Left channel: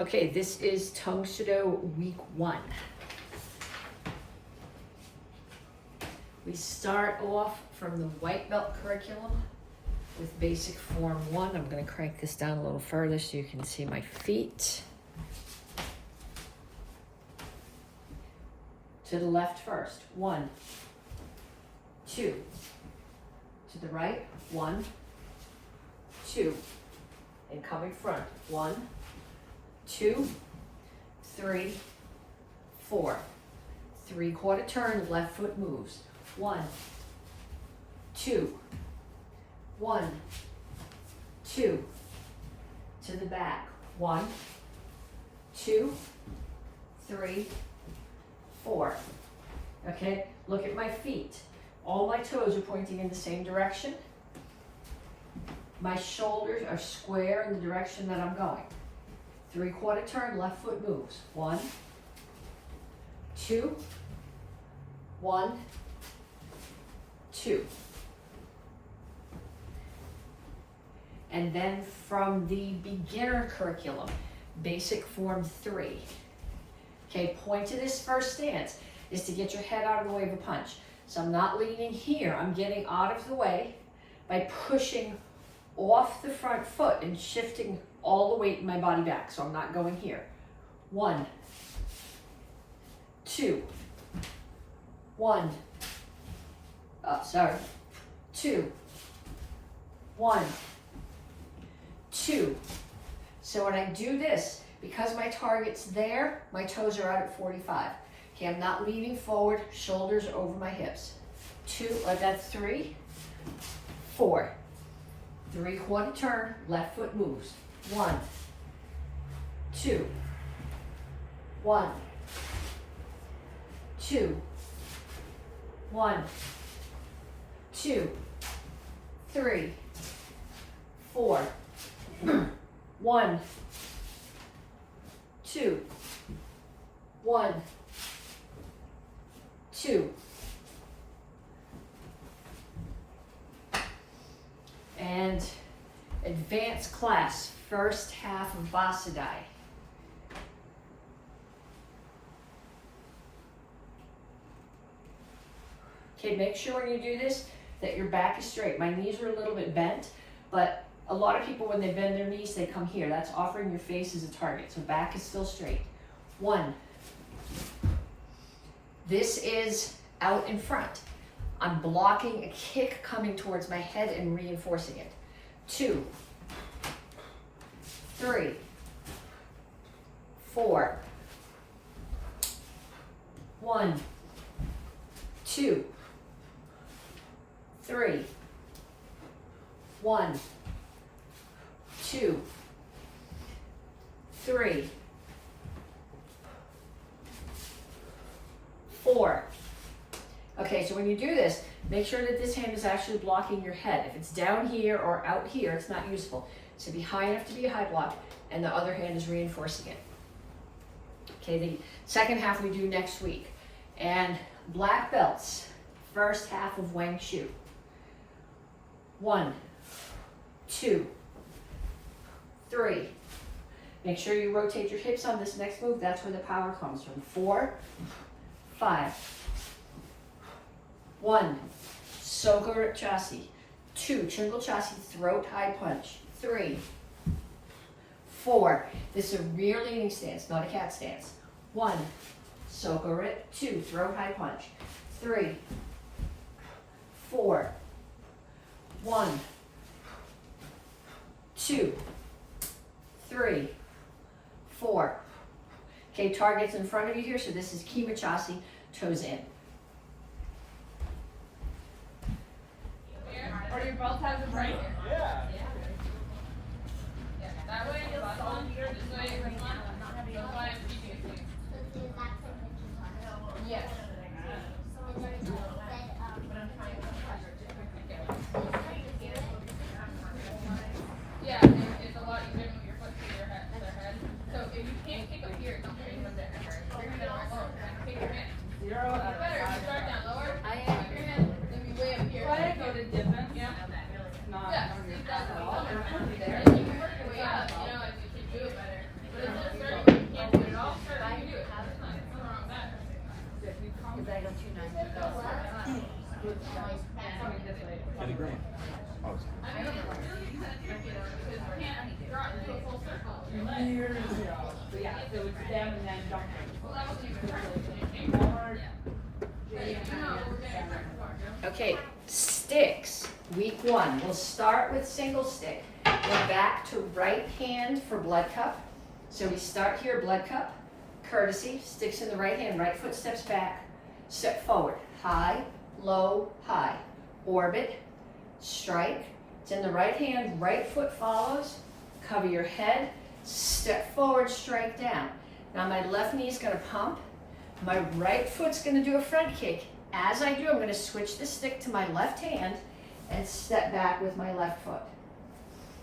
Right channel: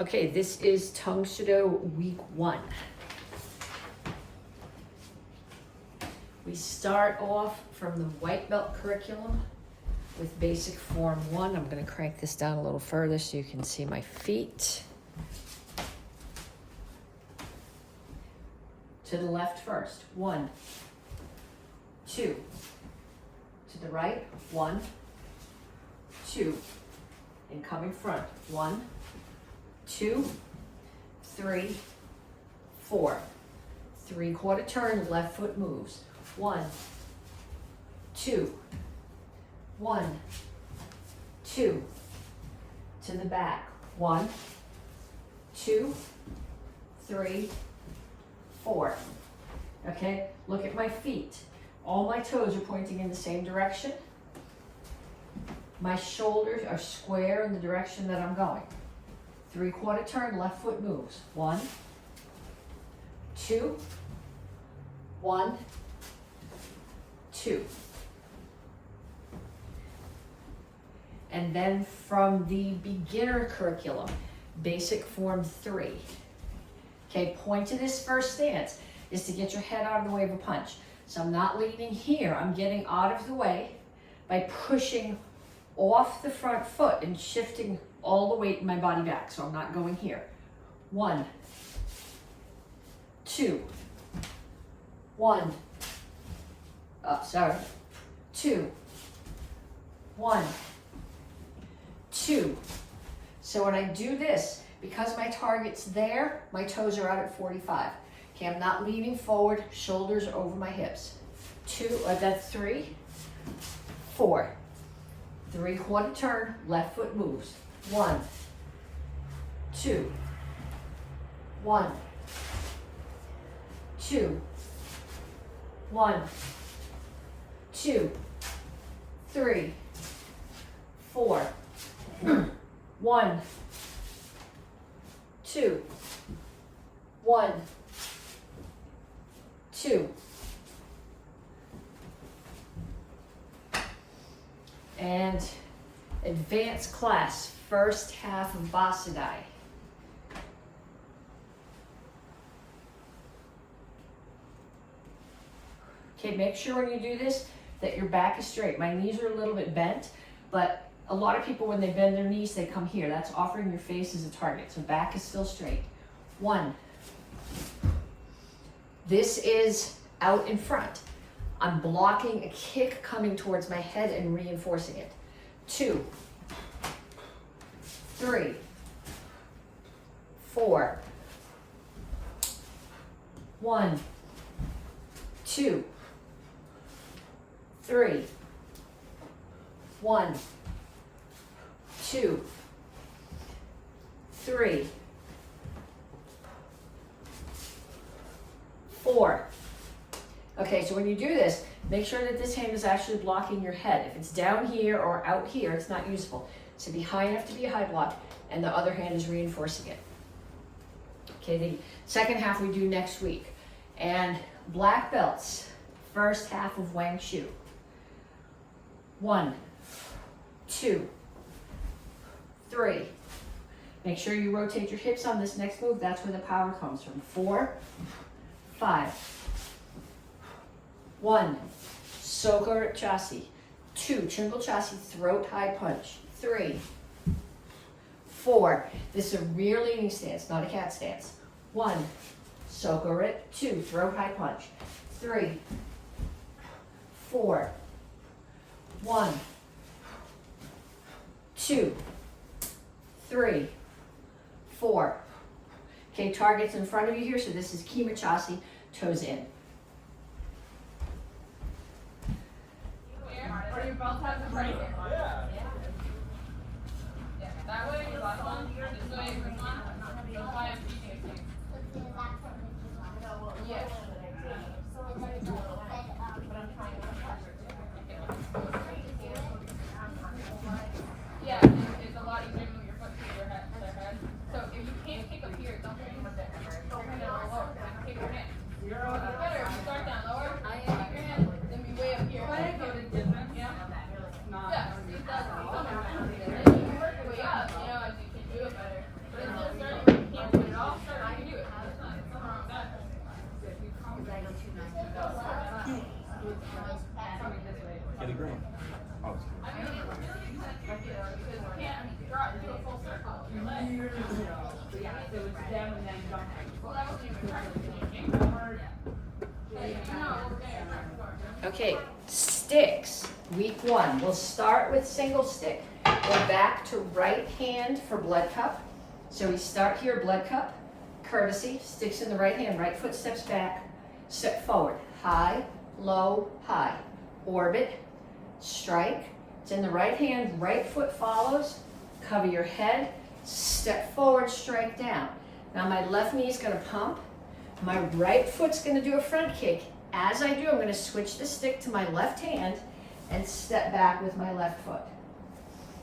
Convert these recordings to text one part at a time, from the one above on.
Okay, this is Tang Soo Do week 1. We start off from the white belt curriculum with basic form 1. I'm going to crank this down a little further so you can see my feet. To the left first. 1, 2. To the right. 1, 2. And coming front. 1, 2, 3, 4. 3/4 turn, left foot moves. 1, 2, 1, 2. To the back. 1, 2, 3, 4. Okay, look at my feet. All my toes are pointing in the same direction. My shoulders are square in the direction that I'm going. 3/4 turn, left foot moves. 1, 2, 1, 2. And then from the beginner curriculum, basic form 3. Okay, point to this first stance is to get your head out of the way of a punch. So I'm not leaning here, I'm getting out of the way by pushing off the front foot and shifting all the weight in my body back. So I'm not going here. 1, 2, 1, 2, 1, 2. So when I do this, because my target's there, my toes are out at 45. Okay, I'm not leaning forward, shoulders over my hips. 2, that's 3, 4. 3/4 turn, left foot moves. 1, 2, 1, 2, 1, 2, 3, 4, 1, 2, 1, 2. And advanced class, first half of Basadai. Okay, make sure when you do this that your back is straight. My knees are a little bit bent, but a lot of people when they bend their knees, they come here. That's offering your face as a target. So back is still straight. 1. This is out in front. I'm blocking a kick coming towards my head and reinforcing it. 2, 3, 4, 1, 2, 3, 1, 2, 3, 4. Okay, so when you do this, make sure that this hand is actually blocking your head. If it's down here or out here, it's not useful. So be high enough to be a high block, and the other hand is reinforcing it. Okay, the second half we do next week. And black belts, first half of Wang Shu. 1, 2, 3. Make sure you rotate your hips on this next move. That's where the power comes from. 4, 5. 1, Soka Chassi. 2, Chingle Chassi, throat high punch. 3, 4. This is a rear leaning stance, not a cat stance. 1, Soka Rip. 2, throat high punch. 3, 4. 1, 2, 3, 4. Okay, target's in front of you here, so this is Kima Chassi, toes in. Or your belt has it right here. Yeah. That way you left one, this way you one. You'll find previously. Yes. Yeah, it's a lot easier when your foot to their head. So if you can't kick up here, don't kick up there. You're gonna go lower and kick your hand. Better if you start down lower. Your hand, then be way up here. Go to different. Yeah. years ago. But yeah, so it's them and then jumping. Well, that wasn't even practicing. Okay, sticks, week 1. We'll start with single stick. We're back to right hand for blood cup. So we start here, blood cup, courtesy, sticks in the right hand, right foot steps back, step forward, high, low, high, orbit, strike. It's in the right hand, right foot follows, cover your head, step forward, strike down. Now my left knee is gonna pump, my right foot's gonna do a front kick. As I do, I'm gonna switch the stick to my left hand and step back with my left foot.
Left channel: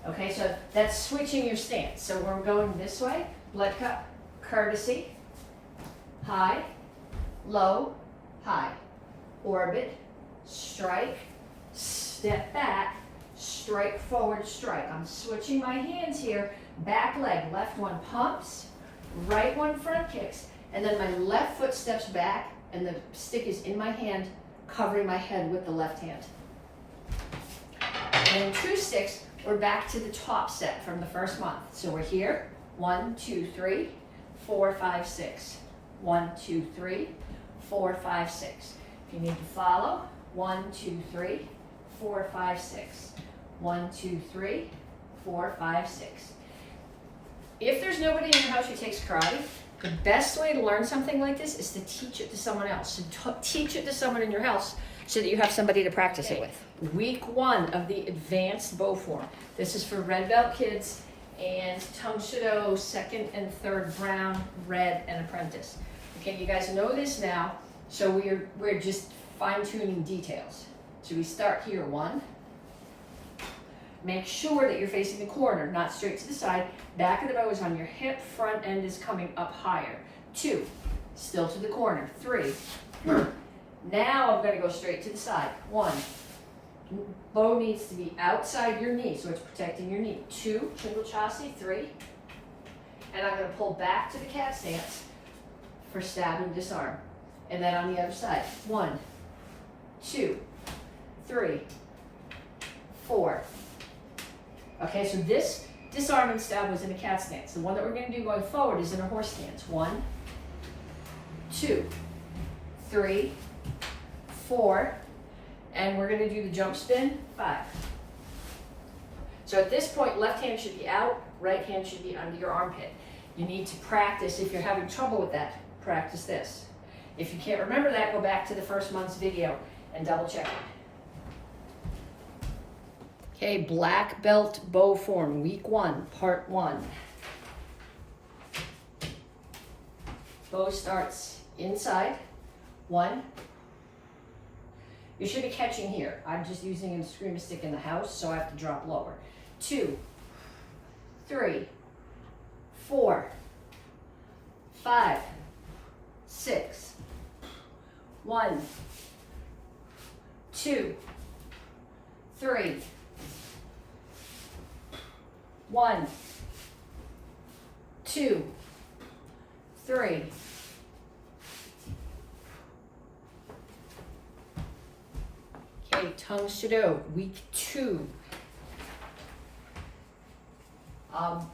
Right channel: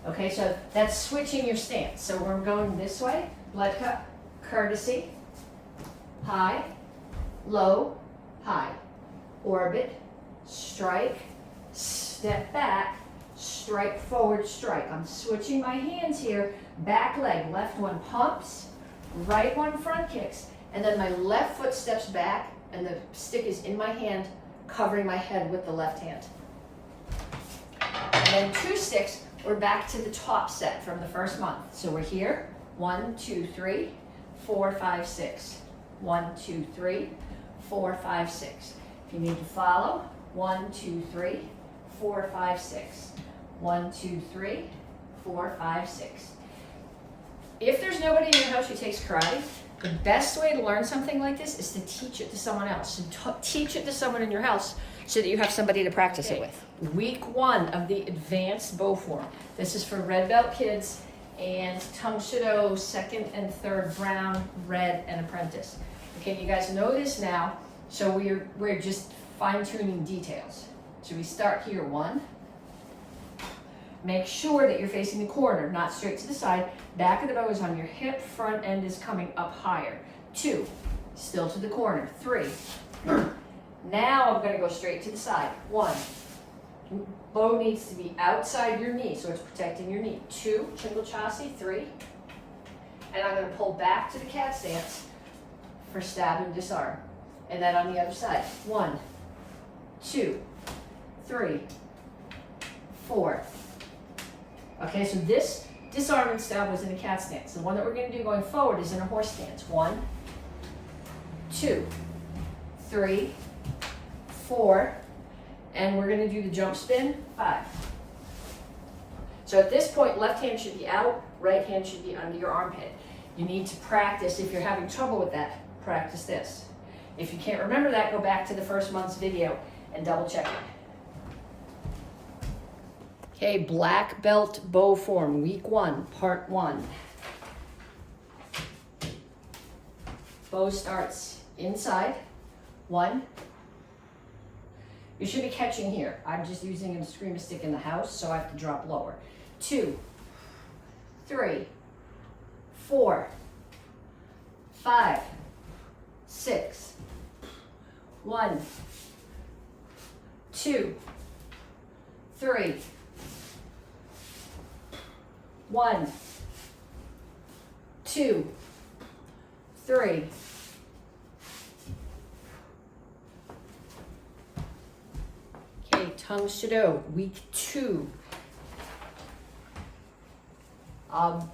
Okay, so that's switching your stance. So we're going this way, blood cup, courtesy, high, low, high, orbit, strike, step back, strike forward, strike. I'm switching my hands here, back leg, left one pumps, right one front kicks, and then my left foot steps back and the stick is in my hand, covering my head with the left hand. And then 2 sticks, we're back to the top set from the first month. So we're here, 1, 2, 3, 4, 5, 6. 1, 2, 3, 4, 5, 6. If you need to follow, 1, 2, 3, 4, 5, 6. 1, 2, 3, 4, 5, 6. If there's nobody in your house who takes karate, the best way to learn something like this is to teach it to someone else. So teach it to someone in your house so that you have somebody to practice it with. Week 1 of the advanced bow form. This is for red belt kids and Tang Soo Do 2nd and 3rd brown, red, and apprentice. Okay, you guys know this now, so we're just fine-tuning details. So we start here, 1. Make sure that you're facing the corner, not straight to the side. Back of the bow is on your hip, front end is coming up higher. 2, still to the corner. 3. Now I'm gonna go straight to the side. 1, bow needs to be outside your knee, so it's protecting your knee. 2, Chingle Chassi. 3, and I'm gonna pull back to the cat stance for stab and disarm. And then on the other side. 1, 2, 3, 4. Okay, so this disarm and stab was in a cat stance. The one that we're going to do going forward is in a horse stance. 1, 2, 3, 4, and we're going to do the jump spin, 5. So at this point, left hand should be out, right hand should be under your armpit. You need to practice. If you're having trouble with that, practice this. If you can't remember that, go back to the first month's video and double check it. Okay, black belt bow form, week 1, part 1. Bow starts inside. 1. You should be catching here. I'm just using a screamer stick in the house, so I have to drop lower. 2, 3, 4, 5, 6. 1, 2, 3. 1, 2, 3. Okay, Tang Soo Do, week 2.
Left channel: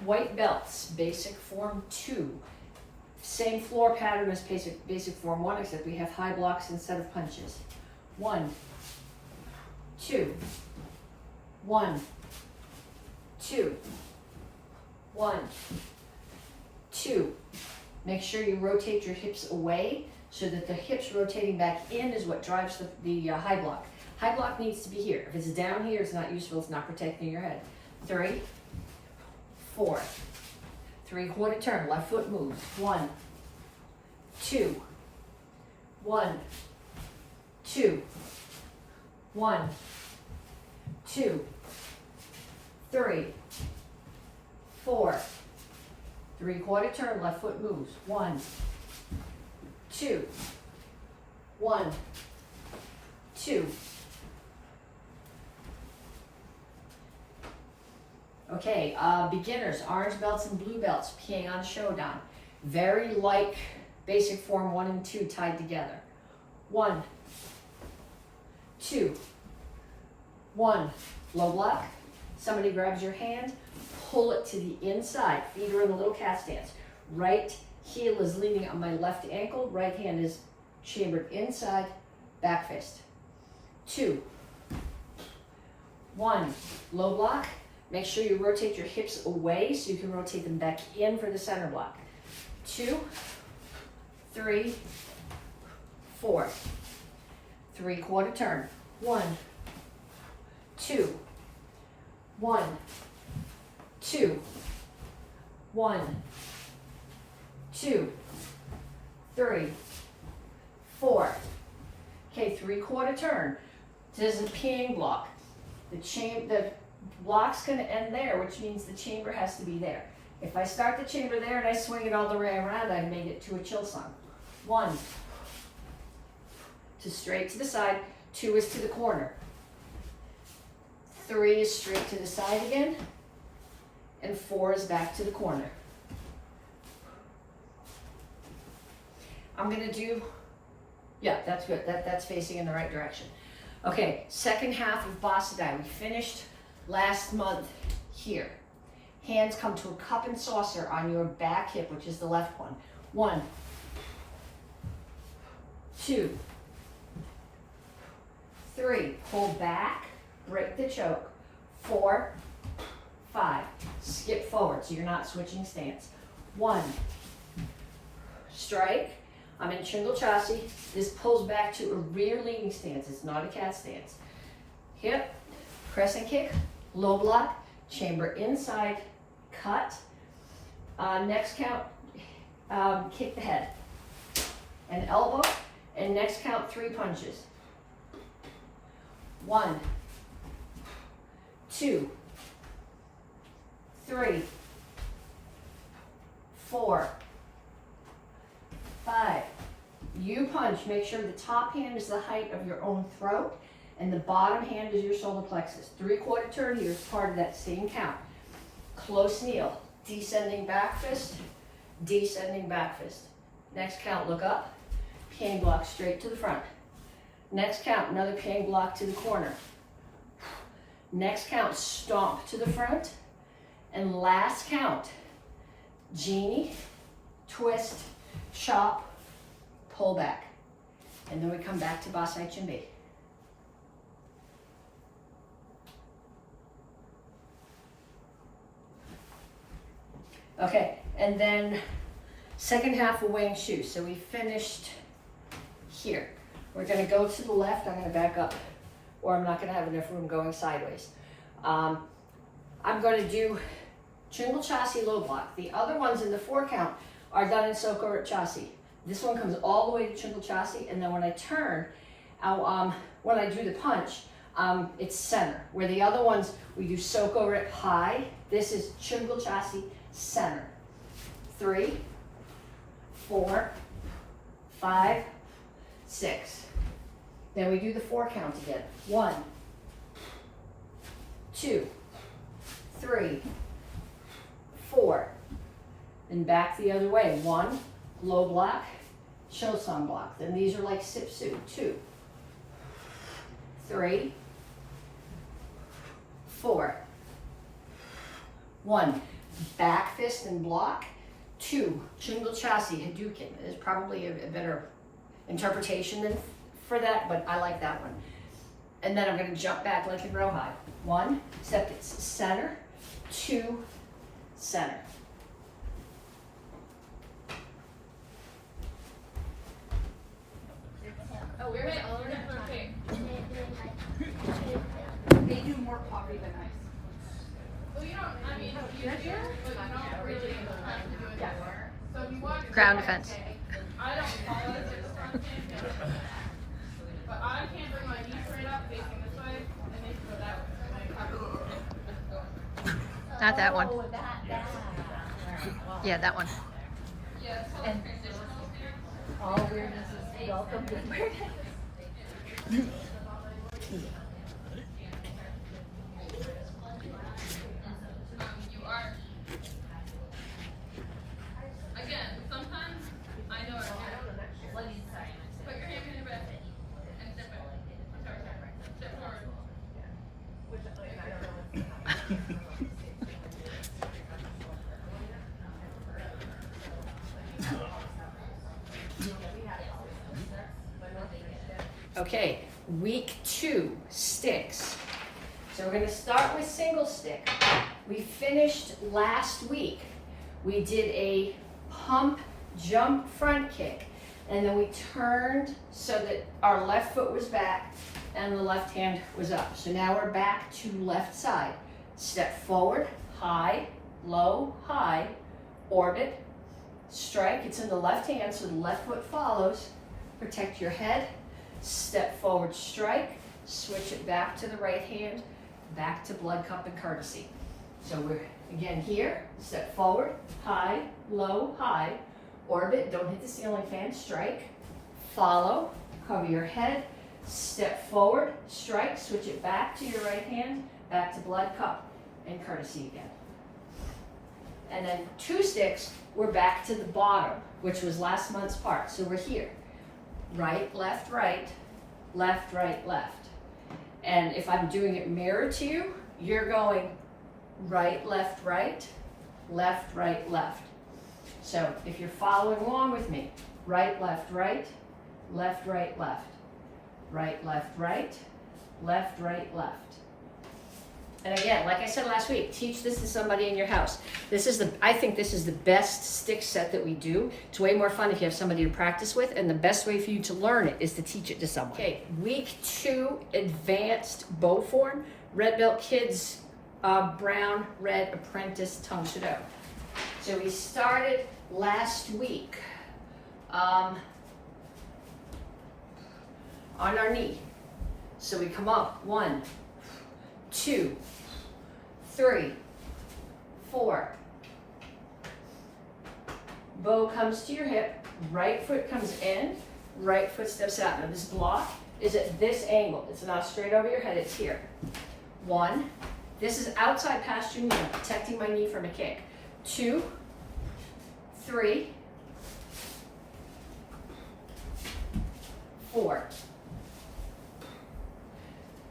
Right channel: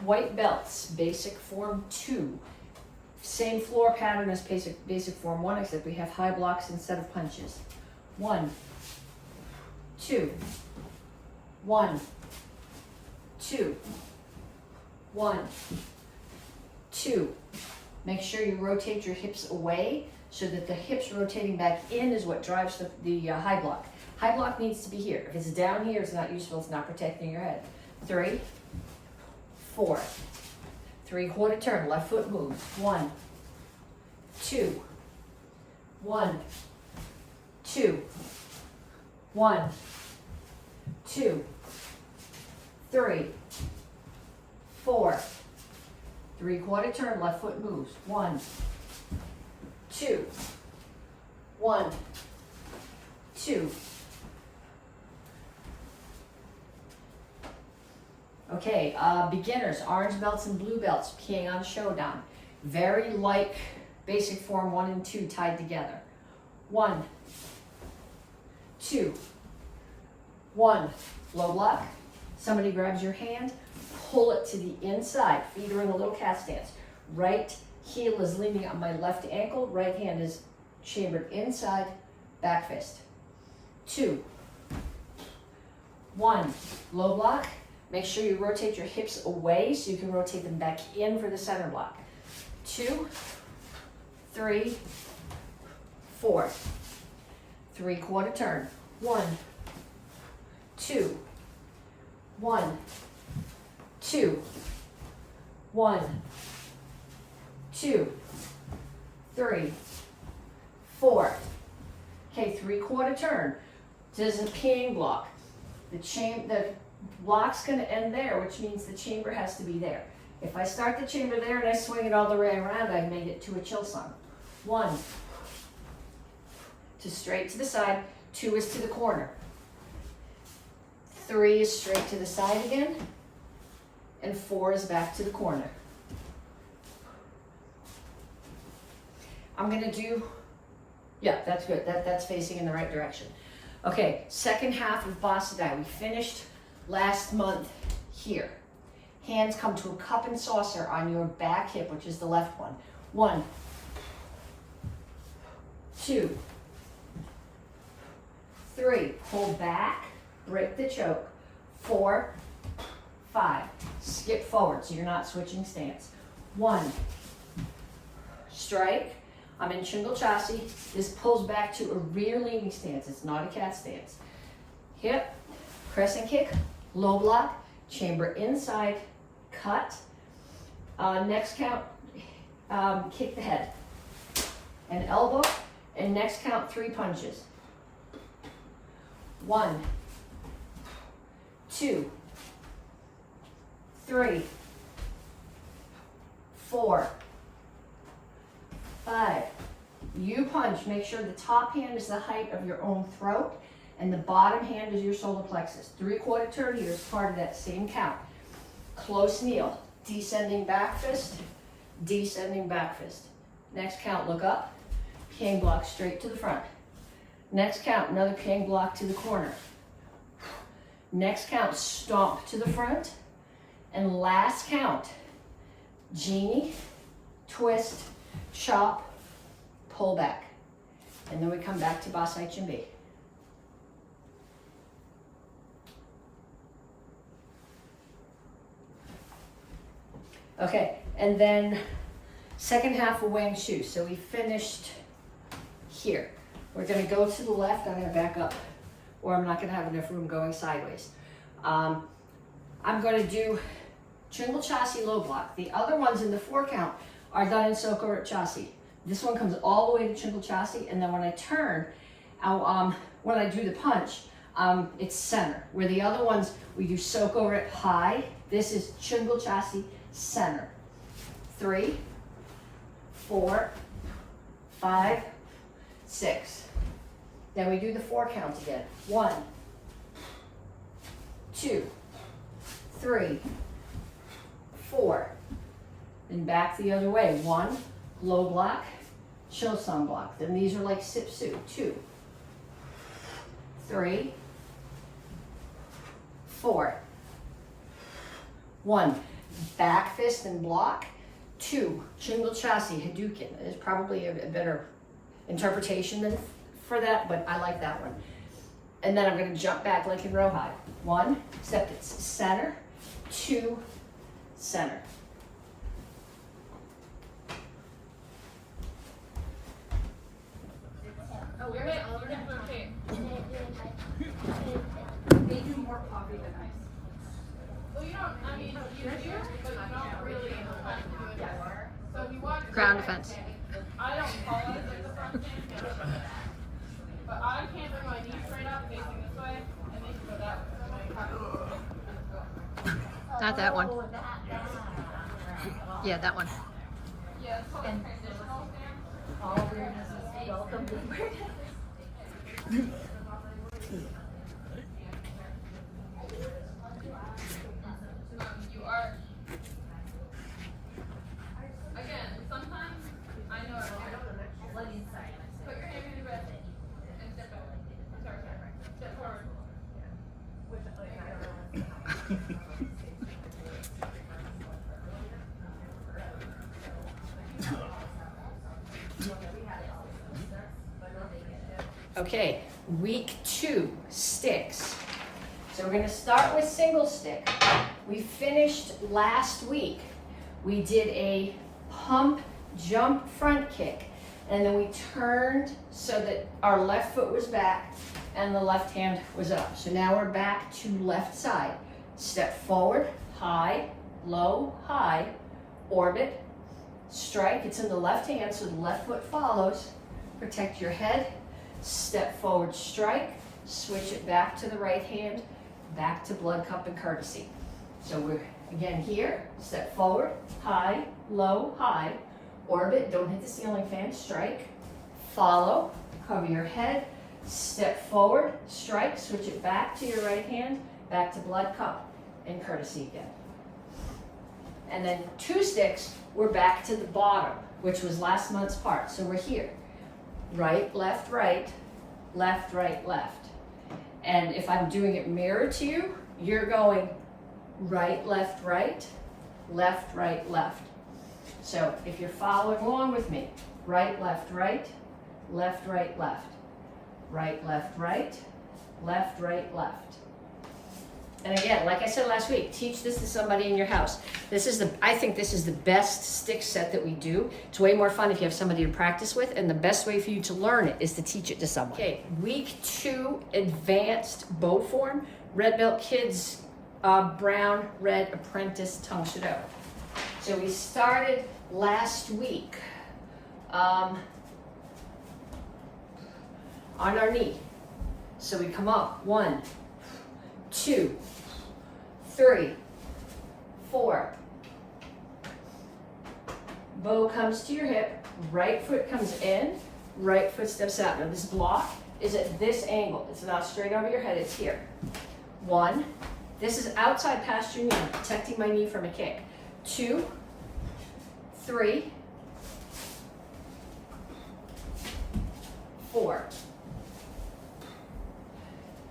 White belts, basic form 2. Same floor pattern as basic form 1, except we have high blocks instead of punches. 1, 2, 1, 2. 1, 2. Make sure you rotate your hips away so that the hips rotating back in is what drives the high block. High block needs to be here. If it's down here, it's not useful. It's not protecting your head. 3, 4. 3/4 turn. Left foot moves. 1, 2. 1, 2. 1, 2. 3, 4. 3/4 turn, left foot moves. 1, 2. 1, 2. Okay, beginners, orange belts and blue belts, Pyongyang Shodan. Very like basic form 1 and 2 tied together. 1, 2. 1, low block. Somebody grabs your hand. pull it to the inside. Feet are in a little cat stance. Right heel is leaning on my left ankle. Right hand is chambered inside, back fist. 2, 1, low block. Make sure you rotate your hips away so you can rotate them back in for the center block. 2, 3, 4. 3/4 turn. 1, 2, 1, 2, 1, 2, 3, 4. Okay, 3/4 turn. This is a peeing block. The block's gonna end there, which means the chamber has to be there. If I start the chamber there and I swing it all the way around, I made it to a chill song. 1, to straight to the side, 2 is to the corner. 3 is straight to the side again, and 4 is back to the corner. I'm gonna do, yeah, that's good. That's facing in the right direction. Okay, second half of Bossadai. We finished last month here. Hands come to a cup and saucer on your back hip, which is the left one. 1, 2, 3. Pull back, break the choke. 4, 5. Skip forward so you're not switching stance. 1. Strike. I'm in Shingle Chassi. This pulls back to a rear leaning stance. It's not a cat stance. Hip, crescent kick, low block, chamber inside, cut. Next count, kick the head. And elbow, and next count 3 punches. 1, 2, 3, 4, 5. You punch. Make sure the top hand is the height of your own throat and the bottom hand is your solar plexus. 3/4 turn here is part of that same count. Close kneel. Descending back fist. Descending back fist. Next count, look up. Peeing block straight to the front. Next count, another peeing block to the corner. Next count, stomp to the front. And last count, genie, twist, chop, pull back. And then we come back to Basai Chimbi. Okay, and then second half of Wang Shu. So we finished here. We're gonna go to the left. I'm gonna back up, or I'm not gonna have enough room going sideways. I'm gonna do Chingle Chassi low block. The other ones in the 4 count are done in Soko Chassi. This one comes all the way to Chingle Chassi, and then when I turn, when I do the punch, it's center. Where the other ones, we do Soko Rip high. This is Chingle Chassi center. 3, 4, 5, 6. Then we do the 4 count again. 1, 2, 3, 4. Then back the other way. 1, low block, Chosun block. Then these are like Sipsu. 2, 3, 4. 1, back fist and block. 2, Chingle Chassi Hadouken. There's probably a better interpretation than for that, but I like that one. And then I'm going to jump back like in Rohai. 1, step it center. 2, center. Your hips are okay. They do more coffee than ice. Well, you don't, I mean, you do, but you don't really have to do it that way. So if you watch Ground defense. I don't call it the front hand, but I can't bring my knee straight up facing this way, and they can go that way. Like, have it. Not that one. Yeah, that one. Yeah, it's called transitional stance. All weirdness is welcome to weirdness. You are, again, sometimes I know it. Put your hand in your breast and step back. I'm sorry. Step forward. Okay, week 2, sticks. So we're gonna start with single stick. We finished last week. We did a pump, jump, front kick. And then we turned so that our left foot was back and the left hand was up. So now we're back to left side. Step forward, high, low, high, orbit, strike. It's in the left hand, so the left foot follows. Protect your head. Step forward, strike. Switch it back to the right hand, back to blood cup and courtesy. So we're again here. Step forward, high, low, high, orbit. Don't hit the ceiling fan. Strike. Follow. Cover your head. Step forward, strike. Switch it back to your right hand, back to blood cup and courtesy again. And then 2 sticks, we're back to the bottom, which was last month's part. So we're here. Right, left, right, left, right, left. And if I'm doing it mirror to you, you're going right, left, right, left, right, left. So if you're following along with me, right, left, right, left, right, left, right, left, right, left, right, left. And again, like I said last week, teach this to somebody in your house. I think this is the best stick set that we do. It's way more fun if you have somebody to practice with, and the best way for you to learn it is to teach it to someone. Okay, week 2, advanced bow form, red belt kids, brown, red apprentice, Tang Soo Do. So we started last week on our knee. So we come up, 1, 2, 3, 4. Bow comes to your hip, right foot comes in, right foot steps out. Now this block is at this angle. It's not straight over your head, it's here. 1, this is outside past your knee, I'm protecting my knee from a kick. 2, 3, 4.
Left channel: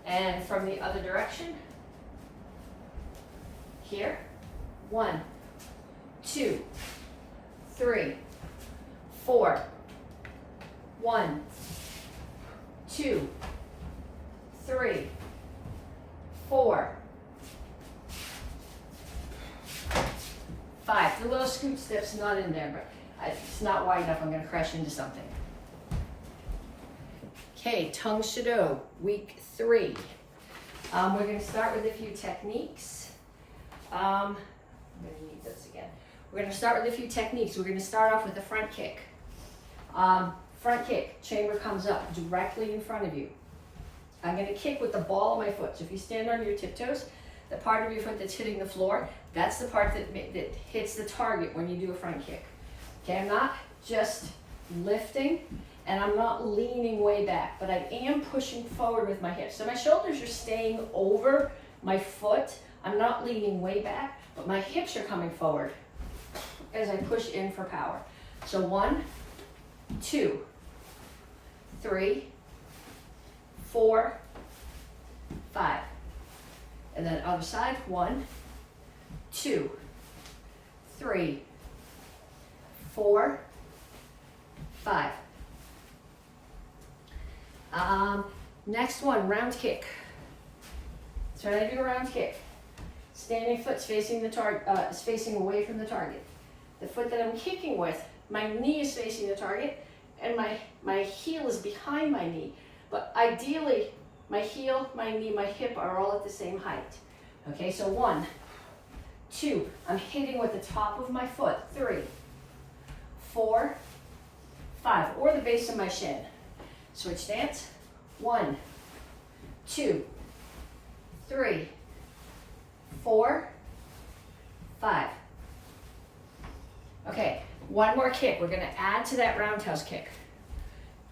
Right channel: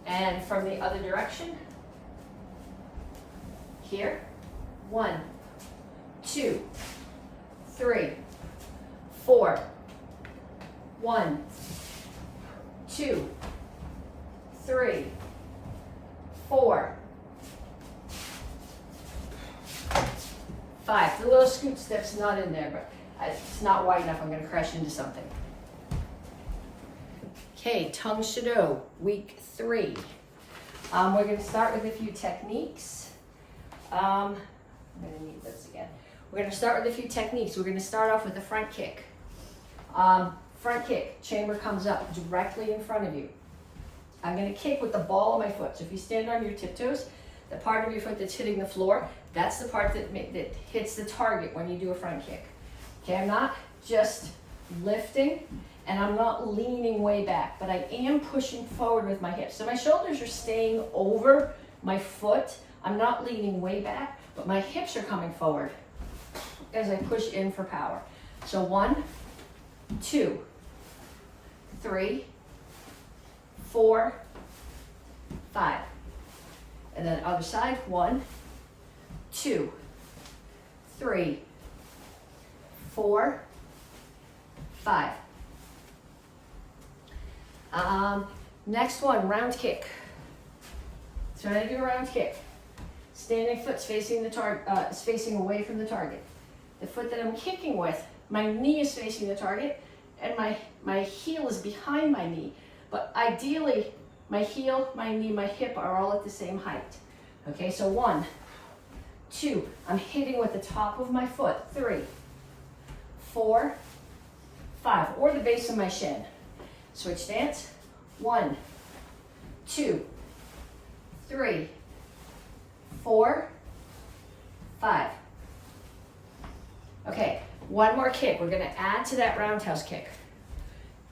And from the other direction, here, 1, 2, 3, 4, 1, 2, 3, 4, 5. The little scoot step's not in there, but it's not wide enough. I'm going to crash into something. Okay, Tang Soo Do, week 3. We're going to start with a few techniques. I'm going to need this again. We're going to start with a few techniques. We're going to start off with a front kick. Front kick, chamber comes up directly in front of you. I'm going to kick with the ball of my foot. So if you stand on your tiptoes, the part of your foot that's hitting the floor, that's the part that hits the target when you do a front kick. Okay, I'm not just lifting and I'm not leaning way back, but I am pushing forward with my hips. So my shoulders are staying over my foot. I'm not leaning way back, but my hips are coming forward as I push in for power. So 1, 2, 3, 4, 5. And then other side, 1, 2, 3, 4, 5. Next one, round kick. So I'm going to do a round kick. Standing foot's facing the target, is facing away from the target. The foot that I'm kicking with, my knee is facing the target, and my heel is behind my knee. But ideally, my heel, my knee, my hip are all at the same height. Okay, so 1, 2, I'm hitting with the top of my foot. 3, 4, 5, or the base of my shin. Switch stance. 1, 2, 3, 4, 5. Okay, one more kick. We're going to add to that roundhouse kick.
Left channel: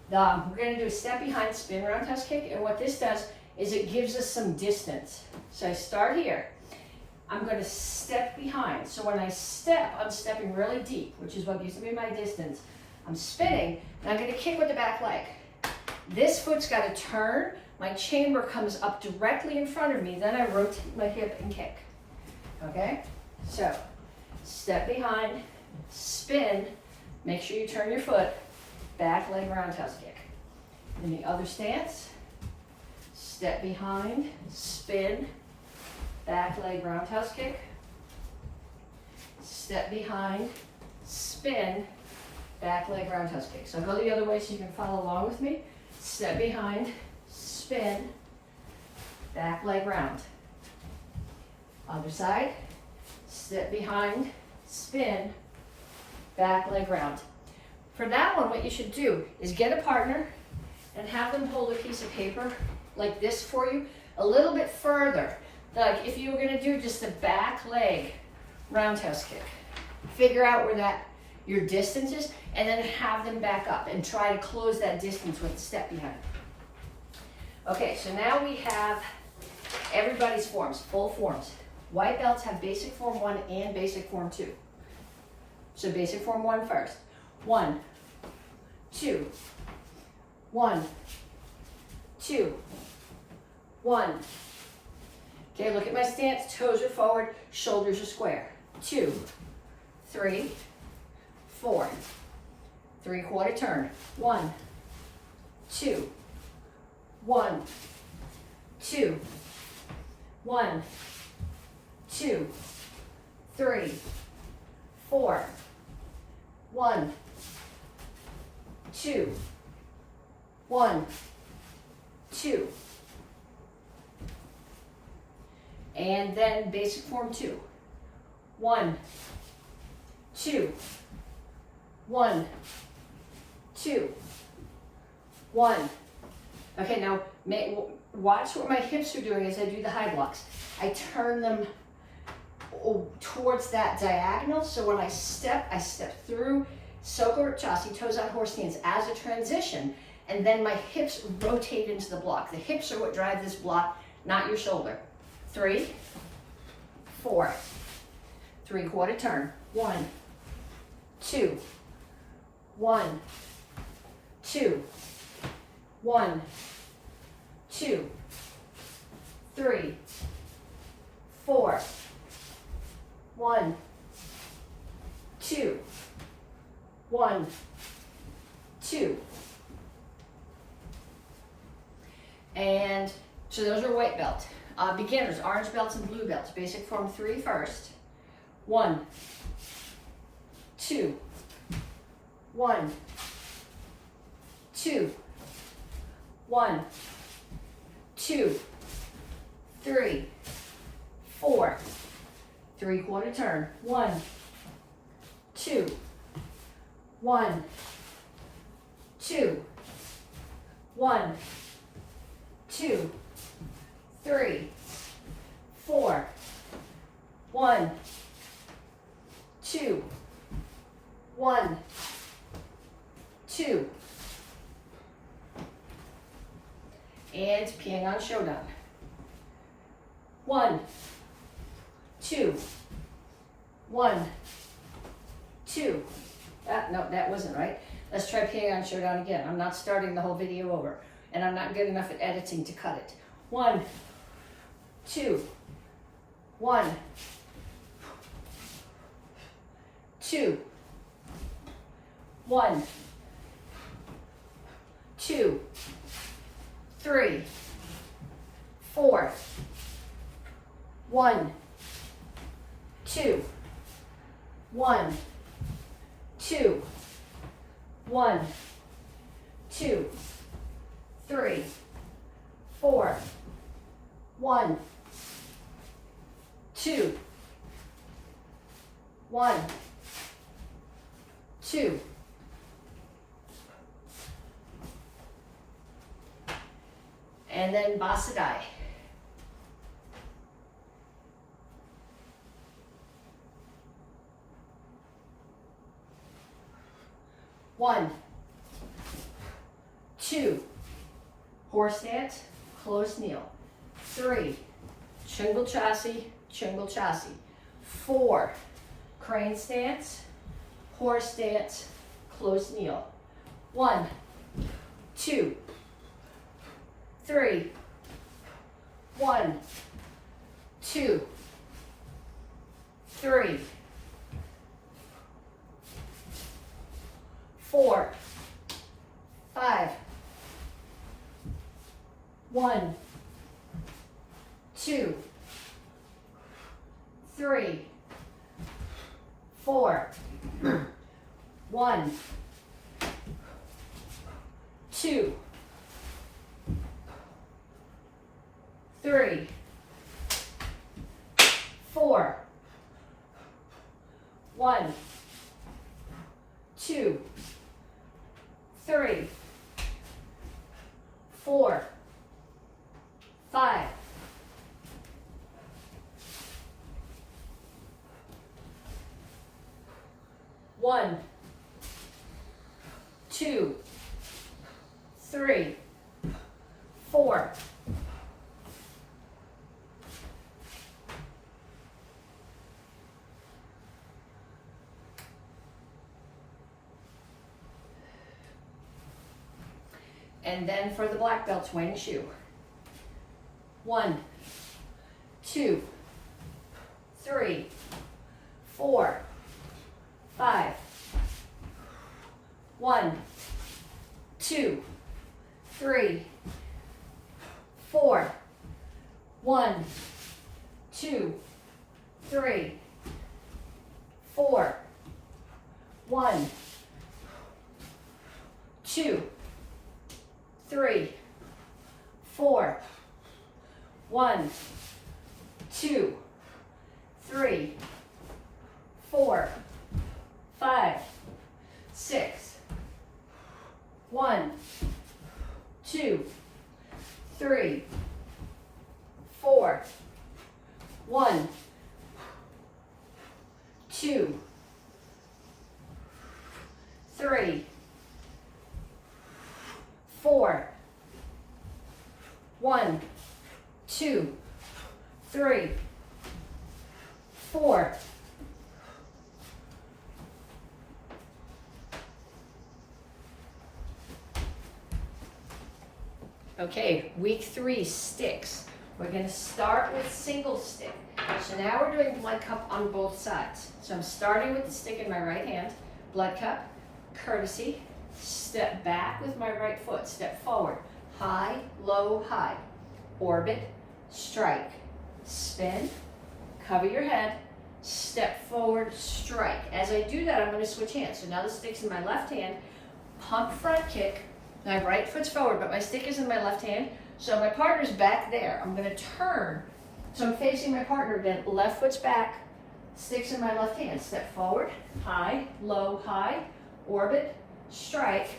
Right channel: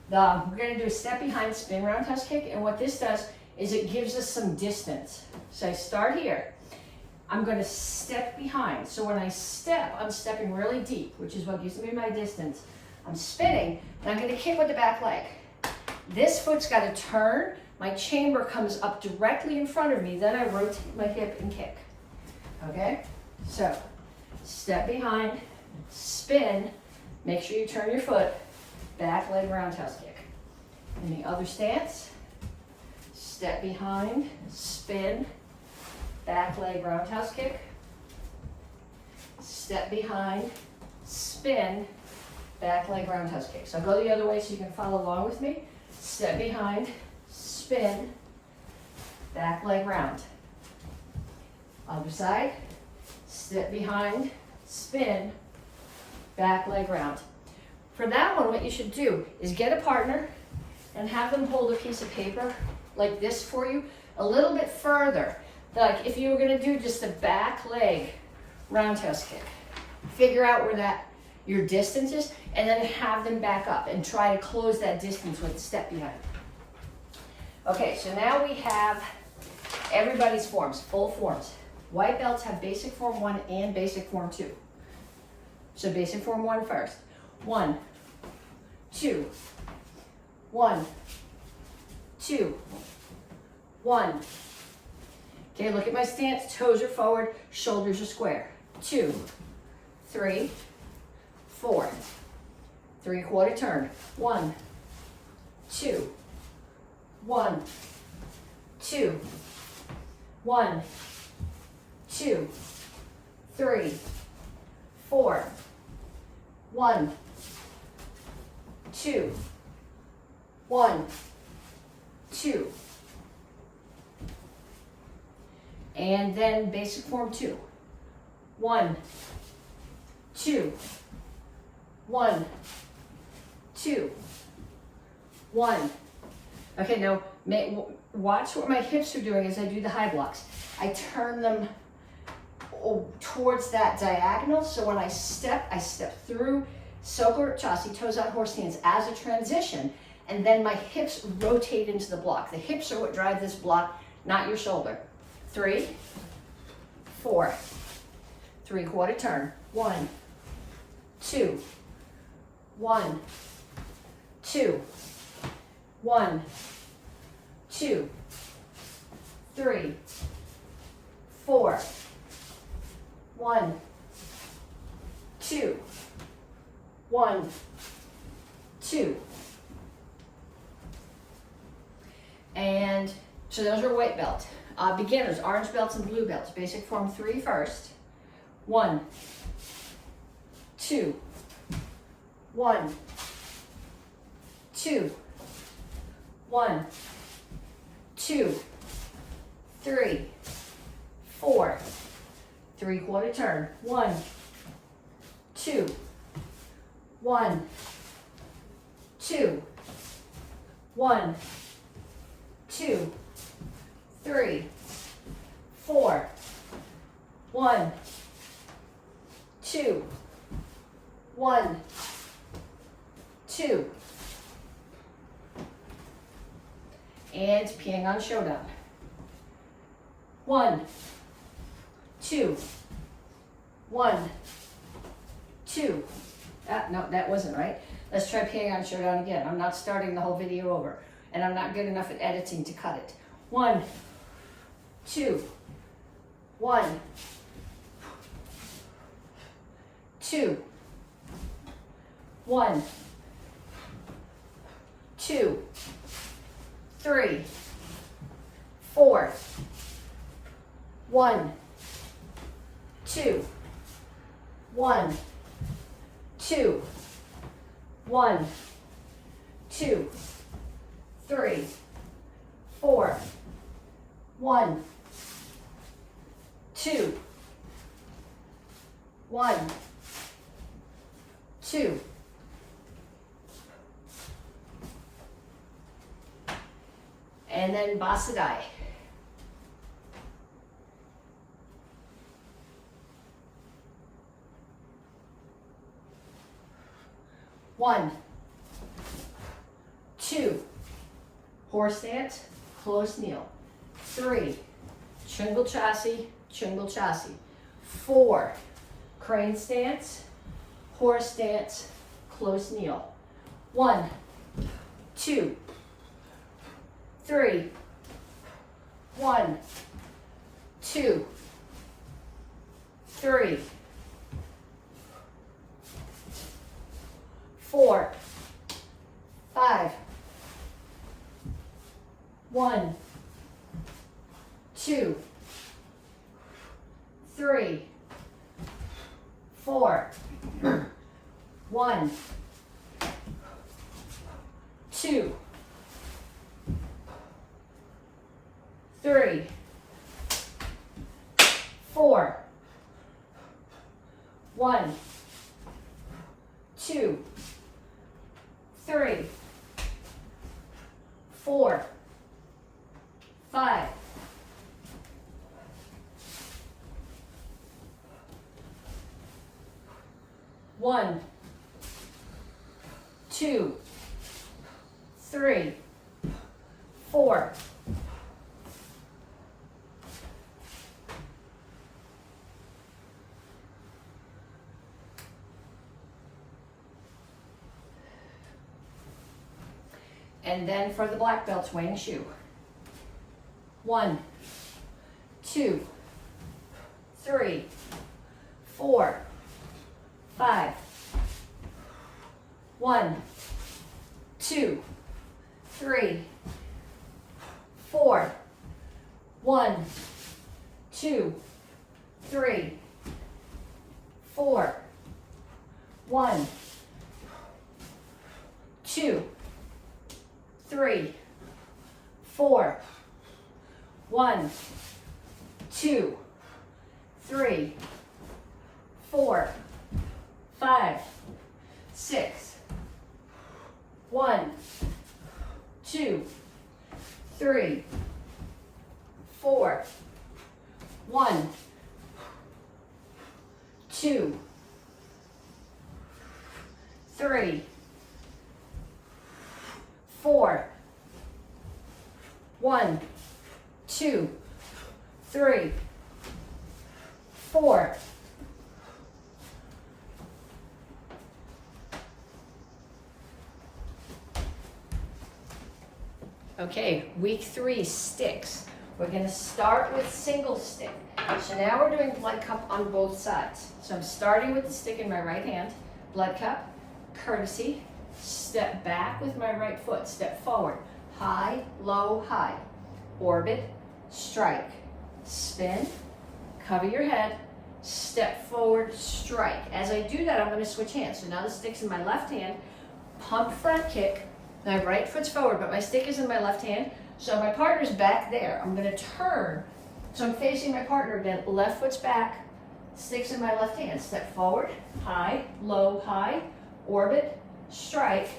We're going to do a step behind spin roundhouse kick, and what this does is it gives us some distance. So I start here. I'm going to step behind. So when I step, I'm stepping really deep, which is what used to be my distance. I'm spinning, and I'm going to kick with the back leg. This foot's got to turn. My chamber comes up directly in front of me. Then I rotate my hip and kick. Okay? So step behind, spin, make sure you turn your foot, back leg roundhouse kick. In the other stance, step behind, spin, back leg roundhouse kick, step behind, spin, back leg roundhouse kick. So I'll go the other way so you can follow along with me. Step behind, spin, back leg round. Other side, step behind, spin, back leg round. For that one, what you should do is get a partner and have them hold a piece of paper like this for you a little bit further. Like if you were gonna do just a back leg roundhouse kick, figure out where that your distance is and then have them back up and try to close that distance with a step behind. Okay, so now we have everybody's forms, full forms. White belts have basic form 1 and basic form 2. So basic form 1 first. 1, 2, 1, 2, 1. Okay, look at my stance. Toes are forward, shoulders are square. 2, 3, 4. 3/4 turn. 1, 2, 1, 2, 1, 2, 3, 4. 1, 2, 1, 2. And then basic form 2. 1, 2, 1, 2, 1. Okay, now watch what my hips are doing as I do the high blocks. I turn them towards that diagonal, so when I step through Soko Chasi, toes out horse stance as a transition, and then my hips rotate into the block. The hips are what drive this block, not your shoulder. 3, 4, 3/4 turn. 1, 2, 1, 2, 1, 2, 3, 4, 1, 2, 1, 2. And so those are white belt. Beginners, orange belts and blue belts. Basic form 3 first. 1, 2, 1, 2, 1, 2, 3, 4. 3/4 turn. 1, 2, 1, 2, 1, 2, 3, 4. 1, 2, 1, 2. And Pyongyang Showdown. 1, 2, 1, 2. No, that wasn't right. Let's try Pyongyang Showdown again. I'm not starting the whole video over, and I'm not good enough at editing to cut it. 1, 2, 1, 2, 1, 2, 3, 4. 1, 2, 1, 2, 1, 2, 3, 4. 1, 2, 1, 2. And then Basadai. 1, 2, horse stance, close kneel. 3, Chungul Chasi, Chungul Chasi. 4, crane stance, horse stance, close kneel. 1, 2, 3, 1, 2, 3, 4, 5, 1, 2, 3, 4, 1, 2, 3, 4, 1, 2, 3, 4, 5, 1, 2, 3, 4. And then for the black belts, wing shoe. 1, 2, 3, 4, 5. 1, 2, 3, 4. 1, 2, 3, 4. 1, 2, 3, 4. 1, 2, 3, 4, 5, 6. 1, 2, 3, 4. 1, 2, 3, 4. 1, 2, 3, 4. Okay, week 3, sticks. We're going to start with single stick. So now we're doing blood cup on both sides. So I'm starting with the stick in my right hand, blood cup, courtesy, step back with my right foot, step forward, high, low, high, orbit, strike, spin, cover your head, step forward, strike. As I do that, I'm going to switch hands. So now the stick's in my left hand, pump front kick, my right foot's forward, but my stick is in my left hand, so my partner's back there. I'm going to turn, so I'm facing my partner again, left foot's back, stick's in my left hand, step forward, high, low, high, orbit, strike,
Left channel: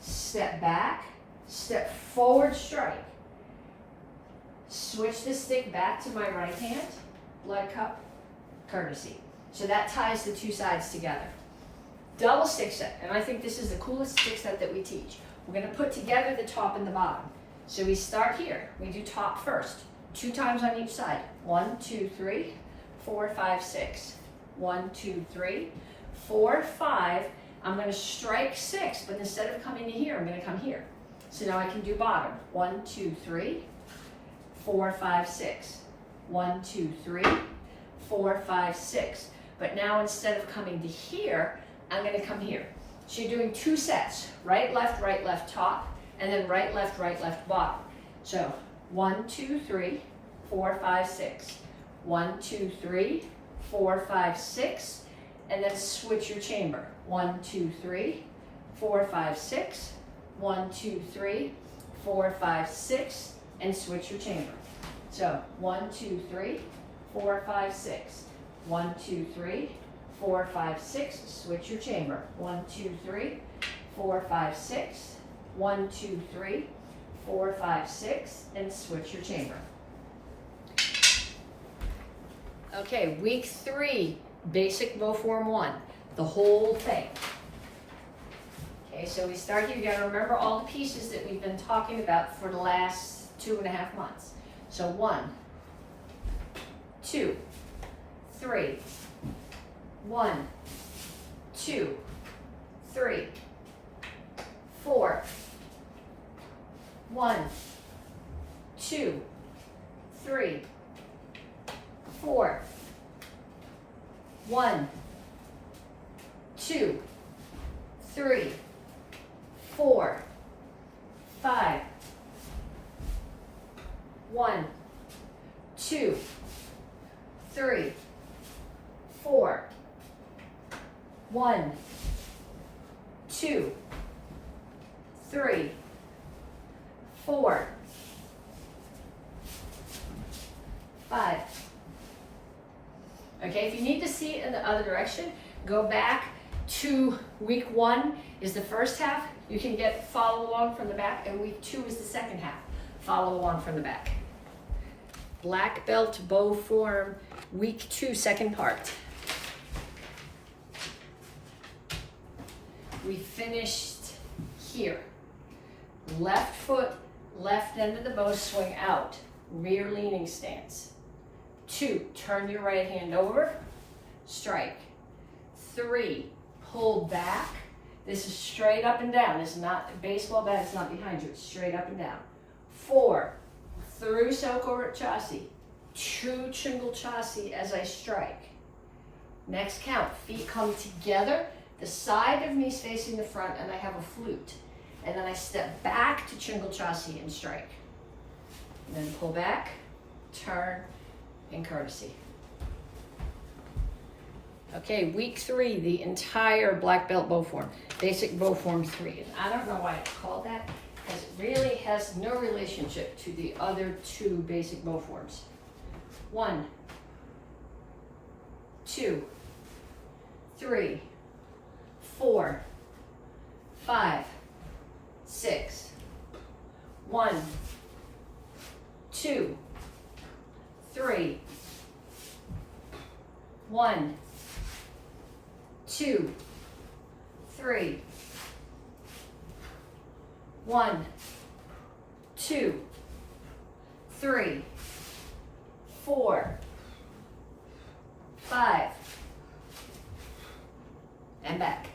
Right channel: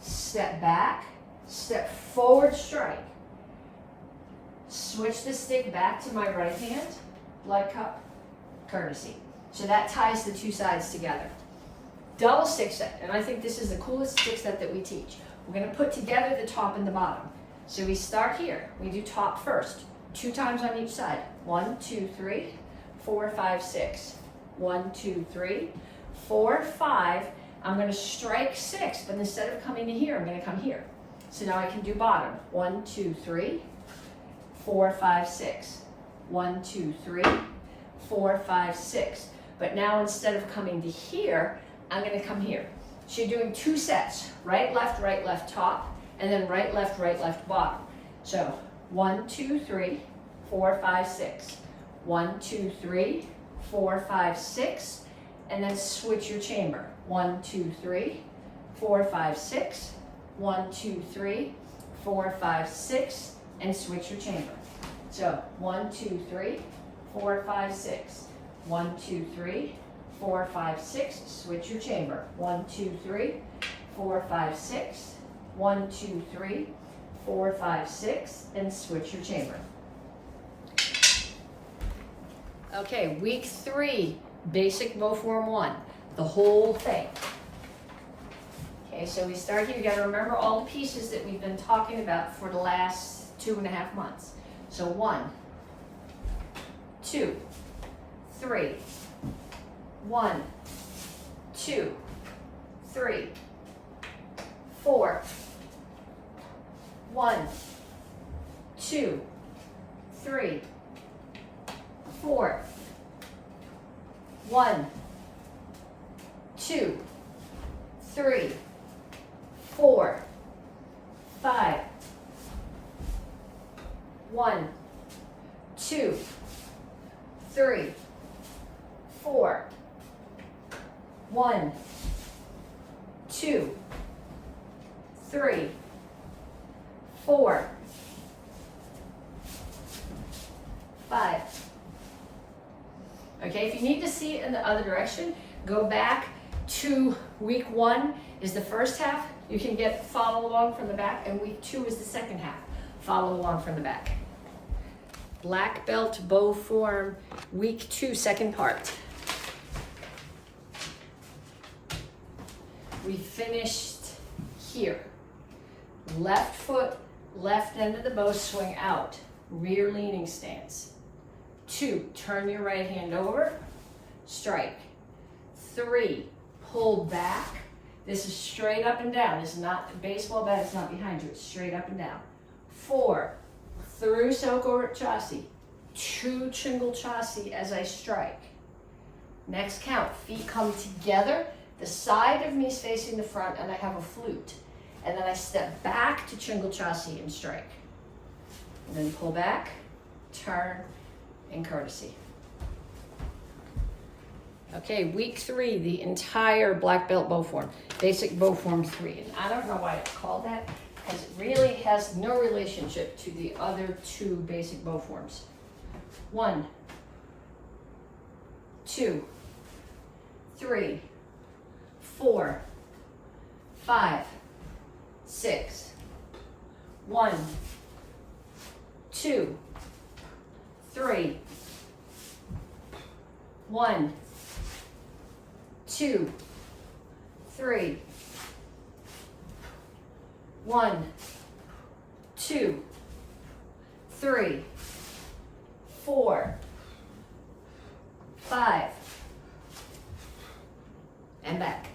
step back, step forward, strike. Switch the stick back to my right hand, blood cup, courtesy. So that ties the two sides together. Double stick set, and I think this is the coolest stick set that we teach. We're going to put together the top and the bottom. So we start here. We do top first, 2 times on each side. 1, 2, 3, 4, 5, 6. 1, 2, 3, 4, 5. I'm going to strike 6, but instead of coming to here, I'm going to come here. So now I can do bottom. 1, 2, 3, 4, 5, 6. 1, 2, 3, 4, 5, 6. But now instead of coming to here, I'm going to come here. So you're doing 2 sets, right, left, top, and then right, left, bottom. So 1, 2, 3, 4, 5, 6. 1, 2, 3, 4, 5, 6, and then switch your chamber. 1, 2, 3, 4, 5, 6. 1, 2, 3, 4, 5, 6, and switch your chamber. So 1, 2, 3, 4, 5, 6. 1, 2, 3, 4, 5, 6. Switch your chamber. 1, 2, 3, 4, 5, 6. 1, 2, 3, 4, 5, 6, and switch your chamber. Okay, week 3, basic bow form 1, the whole thing. Okay, so we start here. You got to remember all the pieces that we've been talking about for the last 2.5 months. So 1, 2, 3. 1, 2, 3, 4. 1, 2, 3, 4. 1, 2, 3, 4, 5, 1, 2, 3, 4. 1, 2, 3, 4, 5. Okay, if you need to see it in the other direction, go back to week 1 is the first half. You can follow along from the back, and week 2 is the second half. Follow along from the back. Black belt bow form, week 2, second part. We finished here. Left foot, left end of the bow, swing out. Rear leaning stance. 2, turn your right hand over, strike. 3, pull back. This is straight up and down. It's not, a baseball bat is not behind you, it's straight up and down. 4, through Selko Chassi. 2 Chingle Chassi as I strike. Next count, feet come together. The side of me is facing the front and I have a flute. And then I step back to Chingle Chassi and strike. And then pull back, turn, and courtesy. Okay, week 3, the entire black belt bow form. Basic bow form 3. And I don't know why it's called that, because it really has no relationship to the other 2 basic bow forms. 1, 2, 3, 4, 5, 6. 1, 2, 3. 1, 2, 3. 1, 2, 3, 4, 5, and back.